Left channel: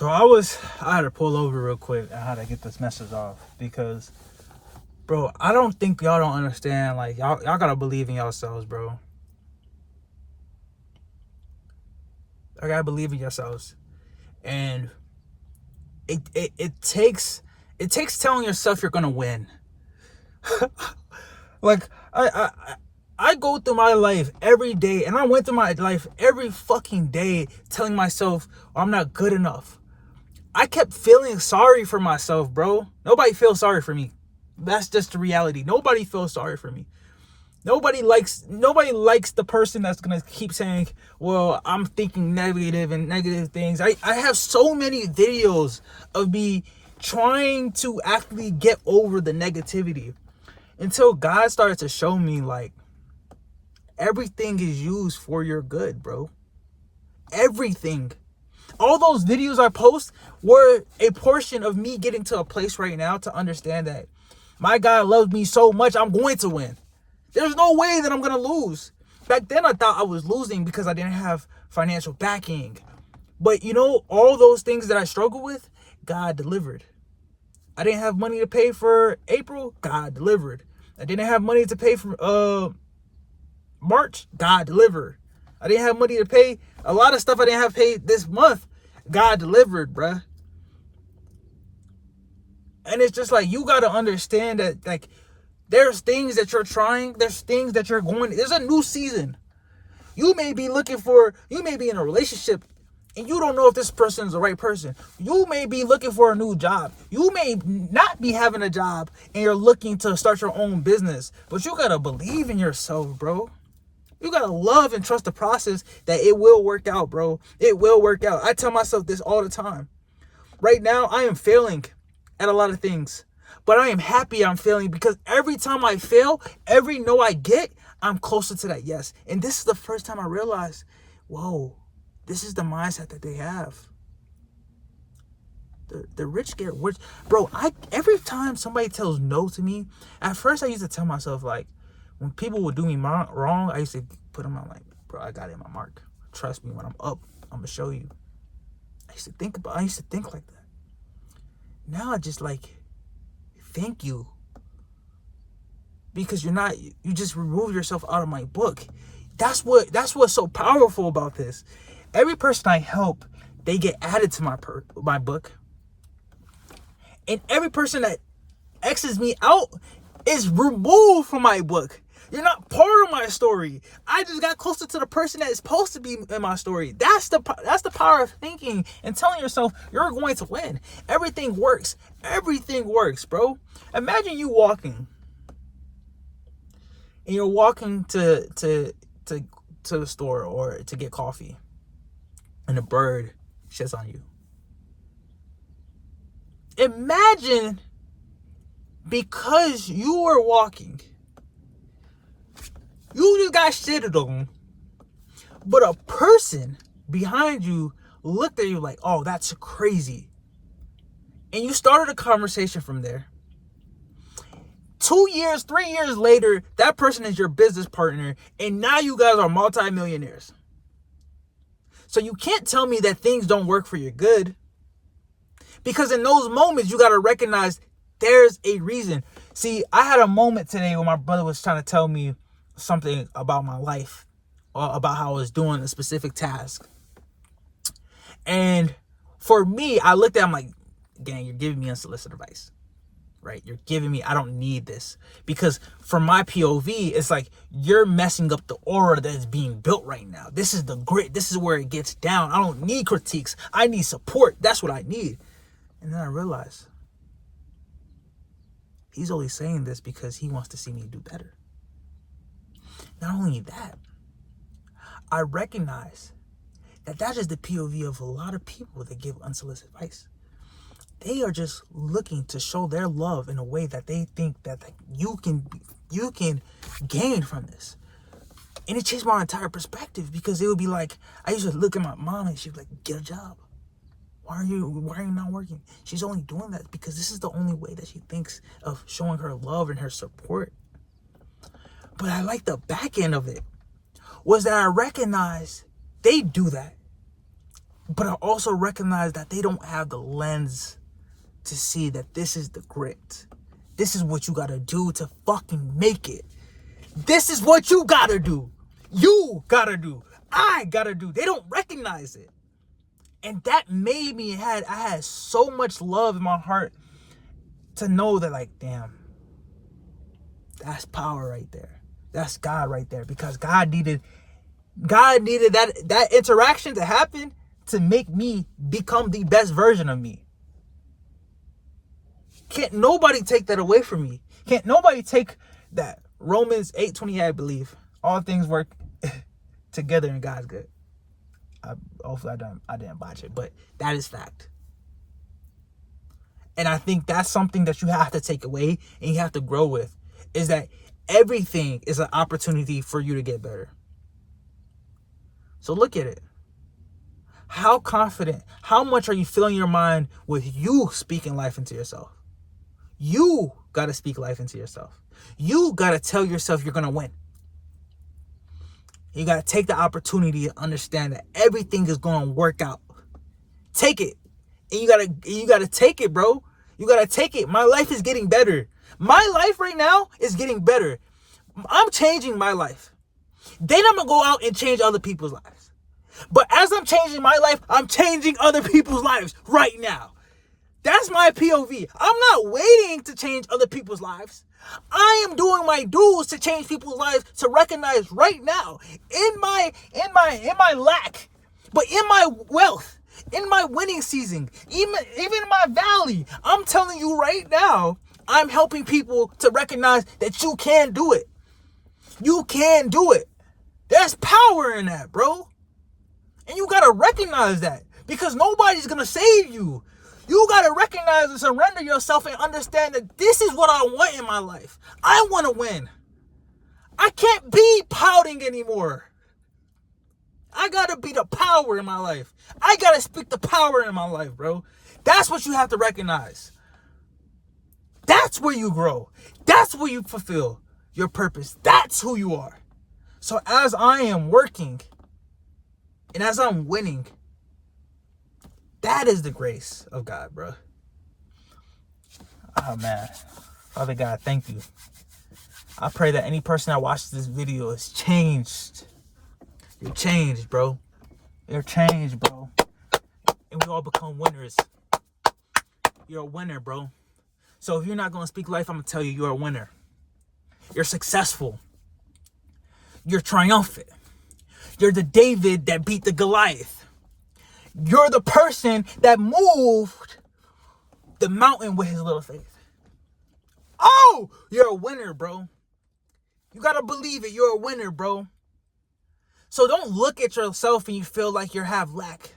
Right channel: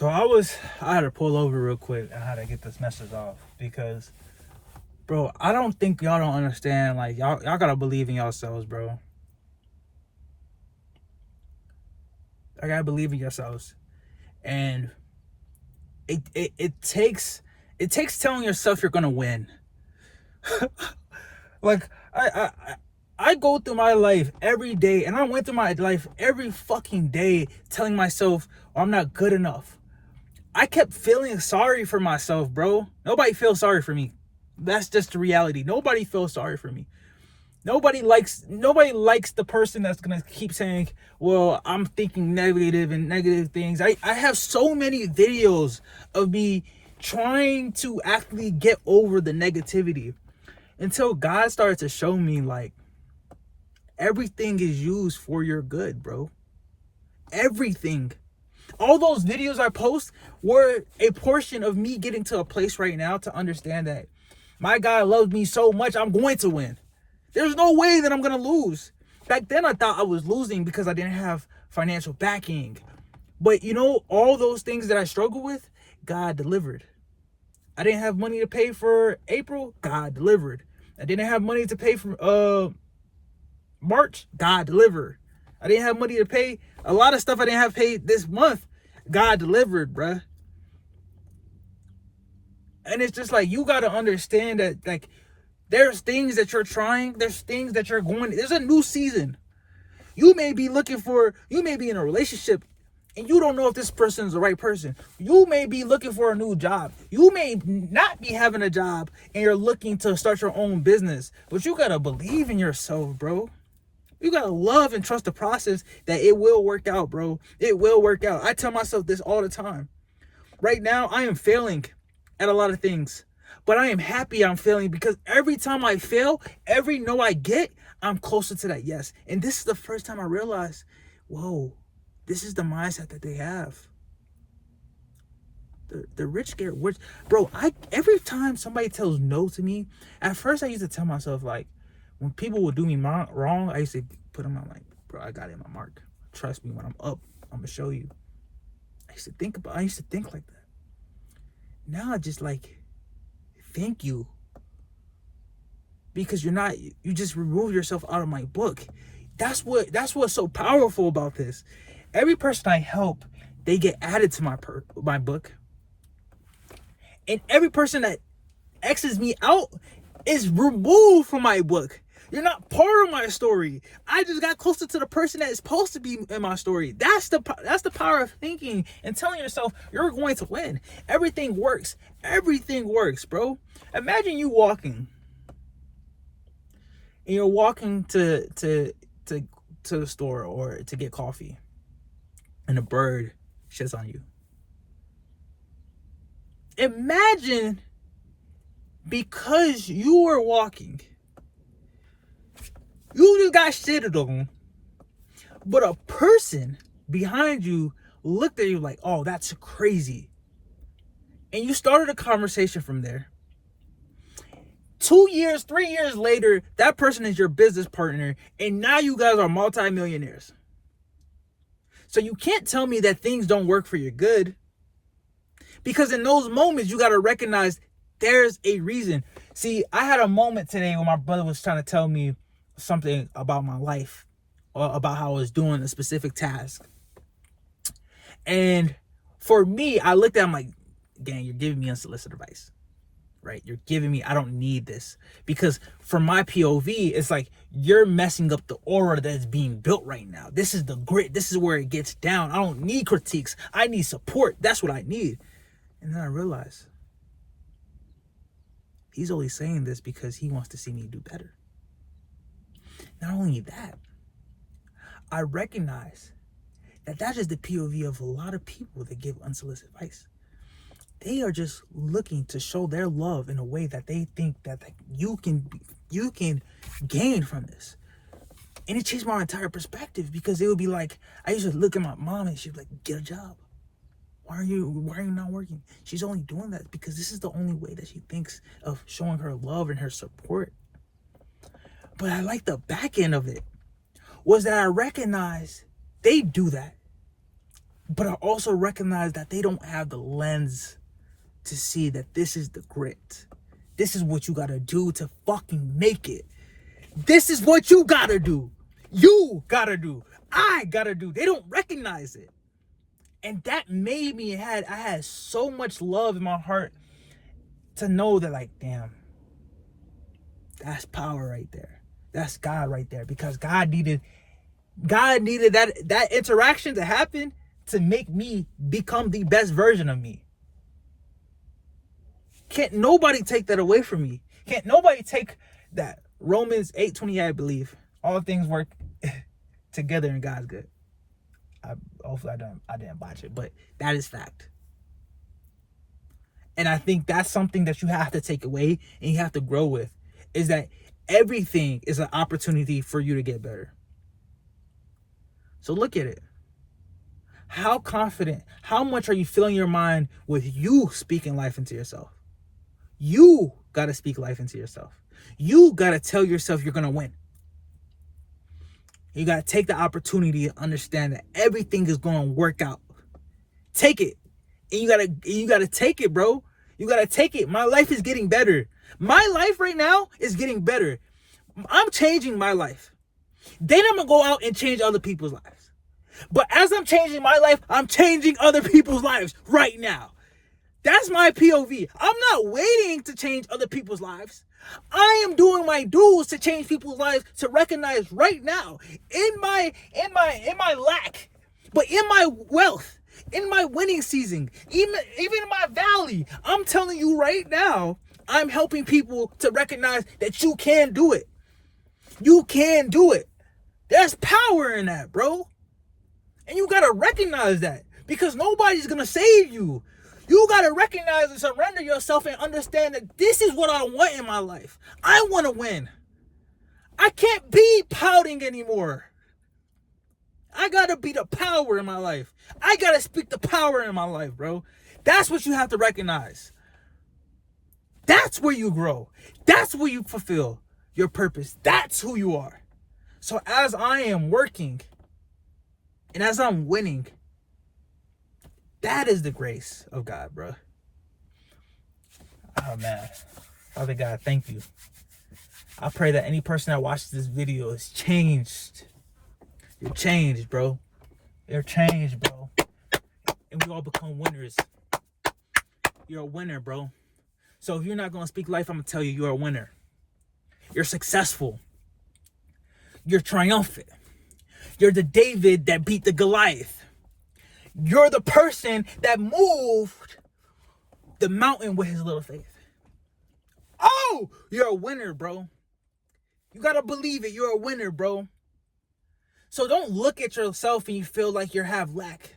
So I had to pull over real quick. I had to get this message off because, bro, I don't think y'all don't understand. Like, y'all gotta believe in yourselves, bro. I gotta believe in yourselves. And it takes telling yourself you're gonna win. Like, I go through my life every day, and I went through my life every fucking day telling myself, oh, I'm not good enough. I kept feeling sorry for myself, bro. Nobody feels sorry for me. That's just the reality. Nobody feels sorry for me. Nobody likes the person that's gonna keep saying, well, I'm thinking negative things. I have so many videos of me trying to actually get over the negativity until God started to show me, like, everything is used for your good, bro. Everything. All those videos I post were a portion of me getting to a place right now to understand that my God loves me so much, I'm going to win. There's no way that I'm going to lose. Back then, I thought I was losing because I didn't have financial backing. But, you know, all those things that I struggled with, God delivered. I didn't have money to pay for April, God delivered. I didn't have money to pay for March, God delivered. I didn't have money to pay a lot of stuff I didn't have paid this month. God delivered, bruh. And it's just like, you got to understand that, like, there's things that you're trying. There's things that you're going. There's a new season. You may be in a relationship and you don't know if this person is the right person. You may be looking for a new job. You may not be having a job and you're looking to start your own business. But you got to believe in yourself, bro. You got to love and trust the process that it will work out, bro. It will work out. I tell myself this all the time. Right now, I am failing at a lot of things. But I am happy I'm failing because every time I fail, every no I get, I'm closer to that yes. And this is the first time I realized, whoa, this is the mindset that they have. The rich get rich. Bro, every time somebody tells no to me, at first I used to tell myself, like, when people would do me wrong, I used to put them on, like, bro, I got it in my mark. Trust me, when I'm up, I'm going to show you. I used to think like that. Now I just, like, thank you, because you just remove yourself out of my book. That's what's so powerful about this. Every person I help, they get added to my book, and every person that X's me out is removed from my book. You're not part of my story. I just got closer to the person that is supposed to be in my story. That's the power of thinking and telling yourself you're going to win. Everything works. Everything works, bro. Imagine you walking, and you're walking to the store or to get coffee, and a bird shits on you. Imagine, because you were walking, you just got shitted on, but a person behind you looked at you like, oh, that's crazy. And you started a conversation from there. 2 years, 3 years later, that person is your business partner, and now you guys are multimillionaires. So you can't tell me that things don't work for your good, because in those moments, you got to recognize there's a reason. See, I had a moment today when my brother was trying to tell me something about my life, or about how I was doing a specific task. And for me, I looked at him like, gang, you're giving me unsolicited advice, right? You're giving me, I don't need this. Because from my POV, it's like, you're messing up the aura that's being built right now. This is the grit. This is where it gets down. I don't need critiques. I need support. That's what I need. And then I realized, he's only saying this because he wants to see me do better. Not only that, I recognize that is the POV of a lot of people that give unsolicited advice. They are just looking to show their love in a way that they think that you can gain from this. And it changed my entire perspective, because it would be like, I used to look at my mom and she'd be like, get a job. Why are you not working? She's only doing that because this is the only way that she thinks of showing her love and her support. But I like the back end of it, was that I recognized they do that. But I also recognize that they don't have the lens to see that this is the grit. This is what you gotta do to fucking make it. This is what you gotta do. You gotta do. I gotta do. They don't recognize it. And that made me, I had so much love in my heart to know that, like, damn, that's power right there. That's God right there. Because God needed that interaction to happen to make me become the best version of me. Can't nobody take that away from me. Can't nobody take that. Romans 8:28, I believe. All things work together and God's good. Hopefully I didn't botch it, but that is fact. And I think that's something that you have to take away and you have to grow with, is that everything is an opportunity for you to get better. So look at it. How confident, how much are you filling your mind with you speaking life into yourself? You got to speak life into yourself. You got to tell yourself you're going to win. You got to take the opportunity to understand that everything is going to work out. Take it. And you got to take it, bro. You got to take it. My life is getting better. My life right now is getting better. I'm changing my life. Then I'm going to go out and change other people's lives. But as I'm changing my life, I'm changing other people's lives right now. That's my POV. I'm not waiting to change other people's lives. I am doing my dues to change people's lives, to recognize right now in my lack, but in my wealth, in my winning season, even in my valley. I'm telling you right now, I'm helping people to recognize that you can do it. You can do it. There's power in that, bro. And you got to recognize that, because nobody's going to save you. You got to recognize and surrender yourself and understand that this is what I want in my life. I want to win. I can't be pouting anymore. I got to be the power in my life. I got to speak the power in my life, bro. That's what you have to recognize. That's where you grow. That's where you fulfill your purpose. That's who you are. So as I am working and as I'm winning, that is the grace of God, bro. Oh, man. Father God, thank you. I pray that any person that watches this video is changed. You're changed, bro. You're changed, bro. And we all become winners. You're a winner, bro. So if you're not going to speak life, I'm going to tell you, you're a winner. You're successful. You're triumphant. You're the David that beat the Goliath. You're the person that moved the mountain with his little faith. Oh, you're a winner, bro. You got to believe it. You're a winner, bro. So don't look at yourself and you feel like you have lack.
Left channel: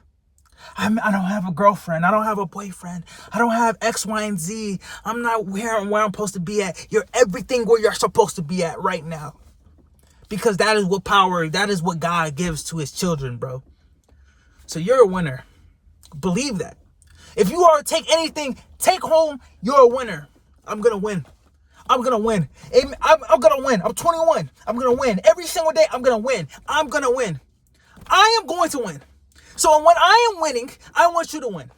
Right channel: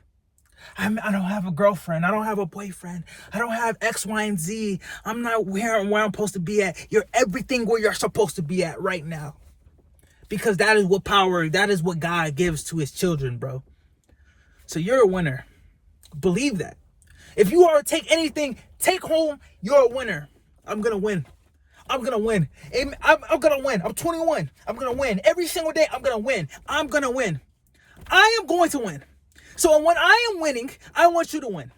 I don't have a girlfriend. I don't have a boyfriend. I don't have X, Y, and Z. I'm not where I'm supposed to be at. You're everything where you're supposed to be at right now. Because that is what power, that is what God gives to his children, bro. So you're a winner. Believe that. If you are to take anything, take home, you're a winner. I'm going to win. I'm going to win. I'm going to win. I'm 21. I'm going to win. Every single day, I'm going to win. I'm going to win. I am going to win. So when I am winning, I want you to win.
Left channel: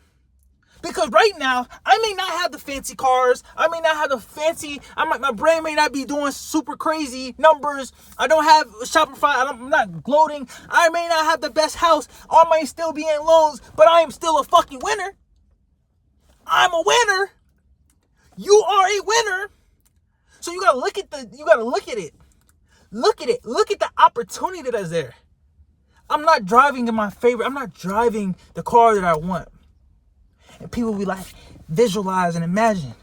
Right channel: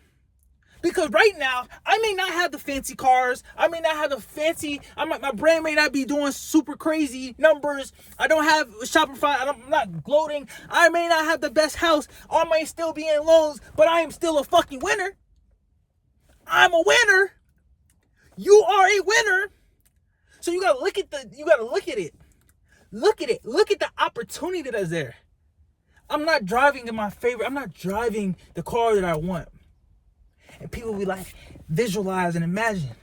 Because right now, I may not have the fancy cars. I may not have the fancy, my brain may not be doing super crazy numbers. I don't have Shopify. I'm not gloating. I may not have the best house. I may still be in loans, but I am still a fucking winner. I'm a winner. You are a winner. So you gotta look at it. Look at it. Look at the opportunity that's there. I'm not driving I'm not driving the car that I want. And people be like, visualize and imagine.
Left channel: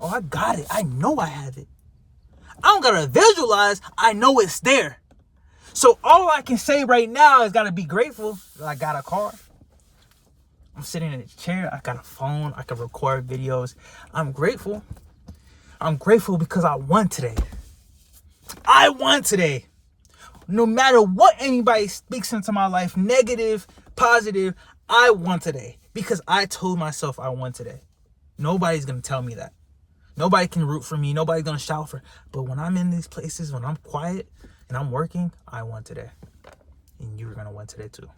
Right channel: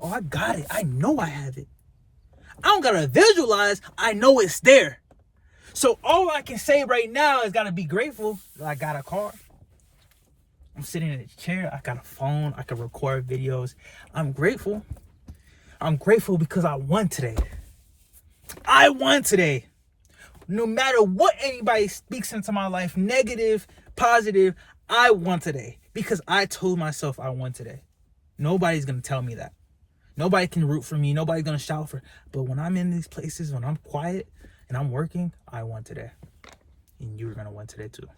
Oh, I got it. I know I have it. I don't gotta visualize. I know it's there. So all I can say right now is gotta be grateful that I got a car. I'm sitting in a chair. I got a phone. I can record videos. I'm grateful. I'm grateful because I won today. I won today. No matter what anybody speaks into my life, negative, positive, I won today. Because I told myself I won today. Nobody's going to tell me that. Nobody can root for me. Nobody's going to shout for. But when I'm in these places, when I'm quiet and I'm working, I won today. And you're going to win today too.